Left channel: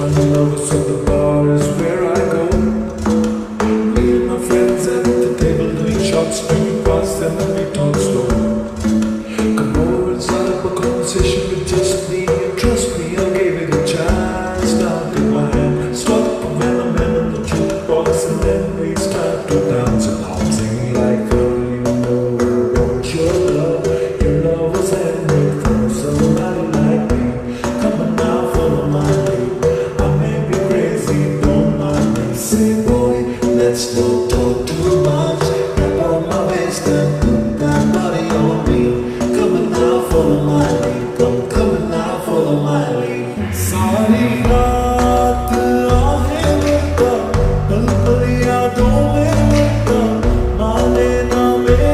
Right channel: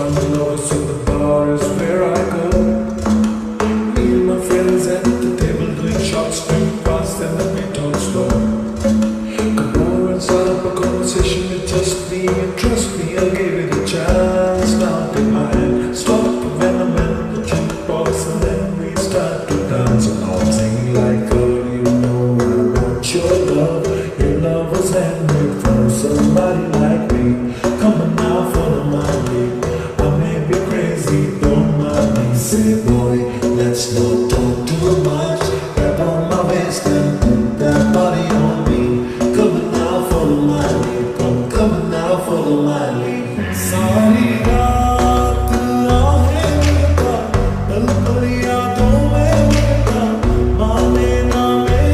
fun lovers, so the bar is where I go. Me and my friends at the table doing shots, drinking fast, and then we talk slow. Come over and start up a conversation with just me, and trust me, I'll give it